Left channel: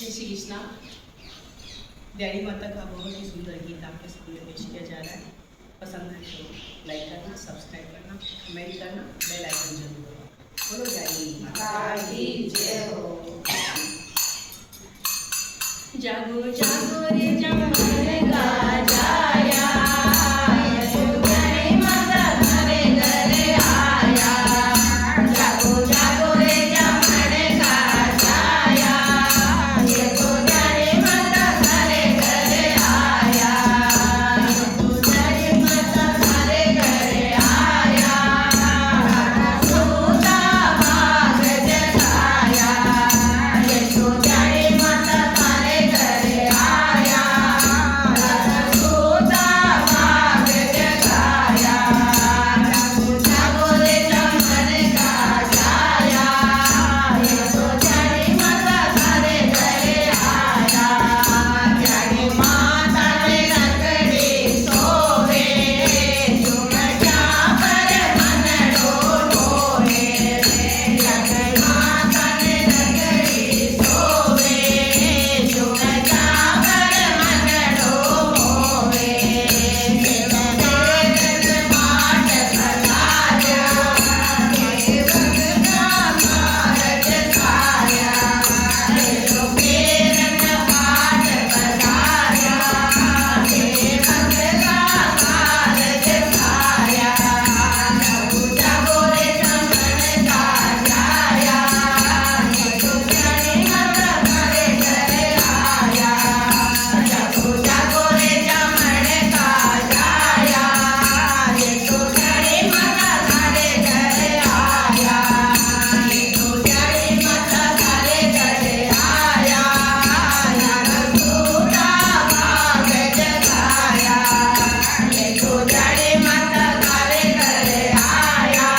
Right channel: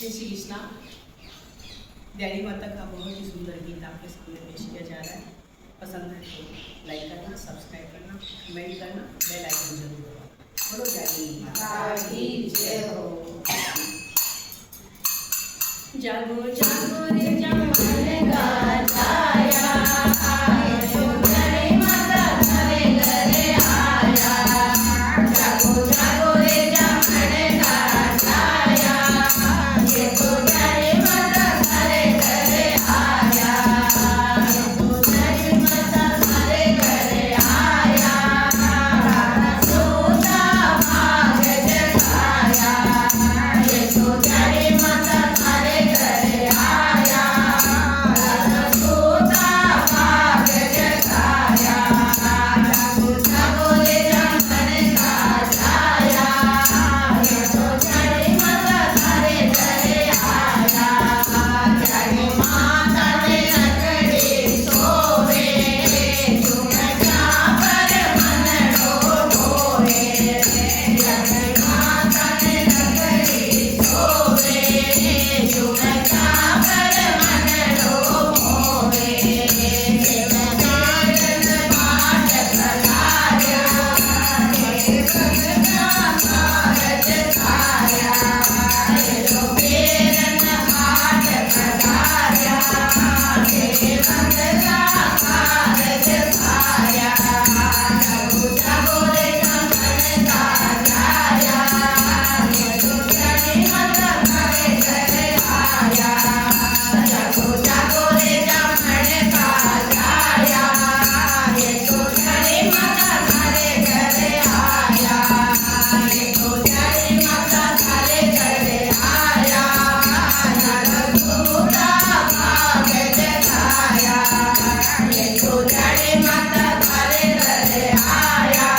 जय श्री कृष्णा। डैडी माता का बहुत ही सुंदर गीत आपके स्कूल में पेश किया जा रहा है। पसंद है तो लाइक करना, सब्सक्राइब करना, कमेंट करना, बेल आइकन जरूर दबाना। बोलो डैडी माता की जय हो। जागो जागो रे जमाने का जाया, डैडी माता घरे घरे आया। जागो जागो रे जमाने का जाया, ये तो डैडी माता घरे घरे आया। डैडी माता घरे घरे आया, सोता भाग जगाया। ये तो डैडी माता घरे घरे आया, सोता भाग जगाया। जागो रे जमाने का जाया, ये तो डैडी माता घरे घरे आया। डैडी माता ने नगरी सोवे, चुनचा पर मन डोलोवे। डैडी माता ने नगरी सोवे, चुनचा पर मन डोलोवे। जगन माट पधार्या, देवगना भारत छाया। ये तो पेरन माट पधार्या, देवगना भारत छाया। जागो रे जमन का जाया, ये तो डैडी माता घरे घरे आया। जागो जागो रे जमन का जाया, ये तो डैडी माता घरे घरे आया। ये तो डैडी माता घरे घरे आया, सोता भाग जगाया। ये तो डैडी माता घरे घरे आया,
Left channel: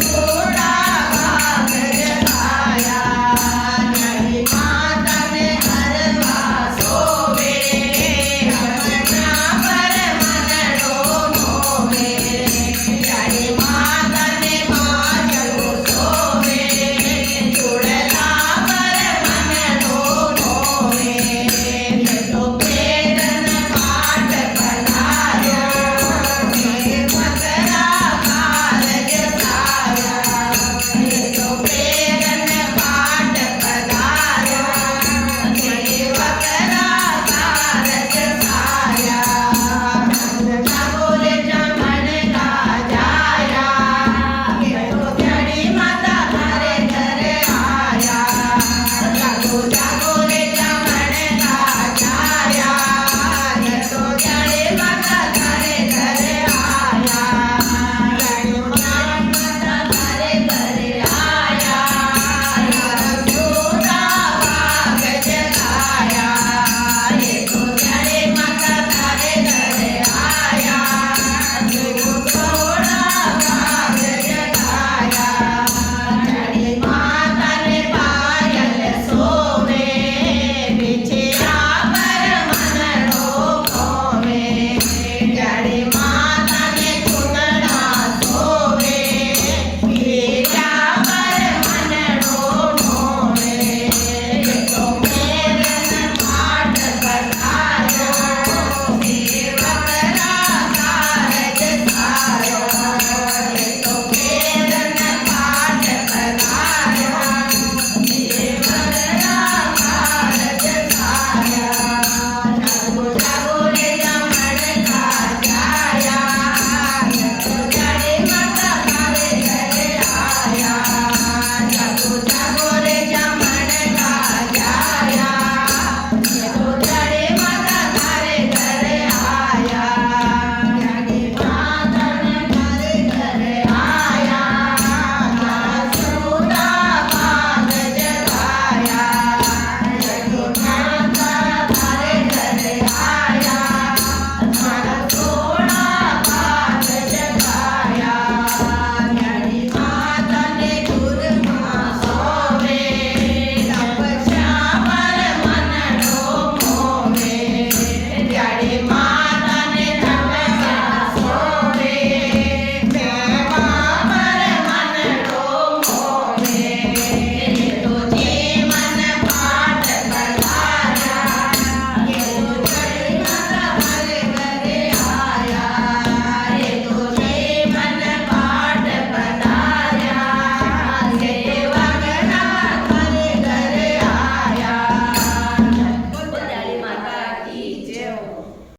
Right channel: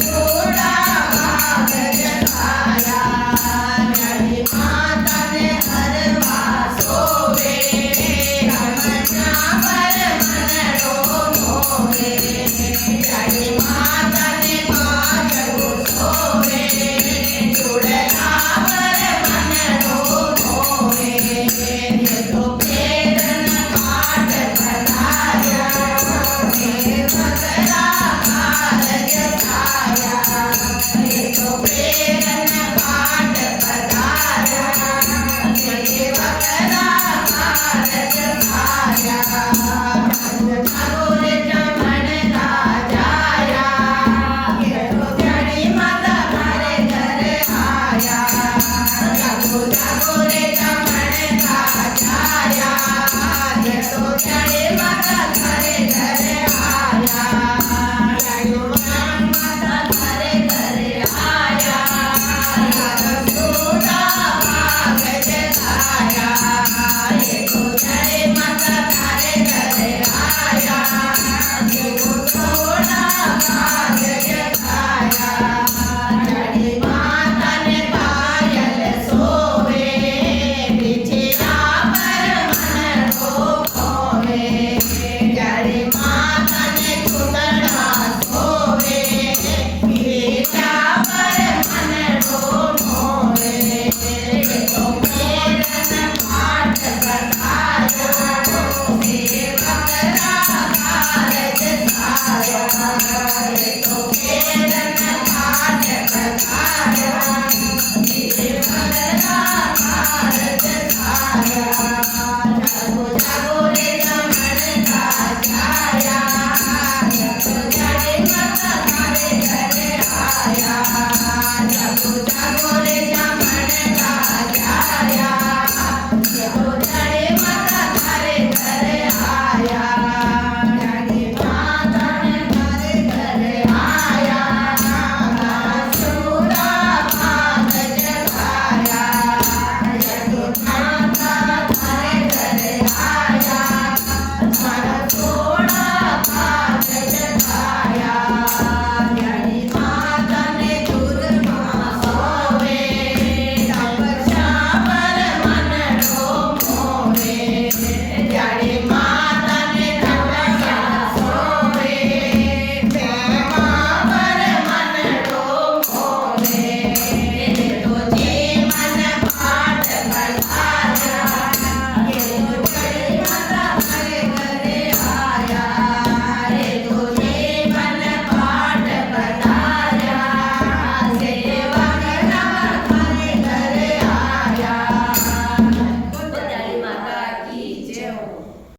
सोता भाग जगाया। डैडी माता ने हरवा सोवे, रमना पर मन डोलोवे। डैडी माता ने माधव सोवे, चुड़ला पर मन डोलोवे। ये तो पेरन माट पधार्या, देवगना भारत छाया। ये तो पेरन माट पधार्या, देवगना भारत छाया। जागो रे जमन का जाया, ये तो डैडी माता घरे घरे आया। जागो जागो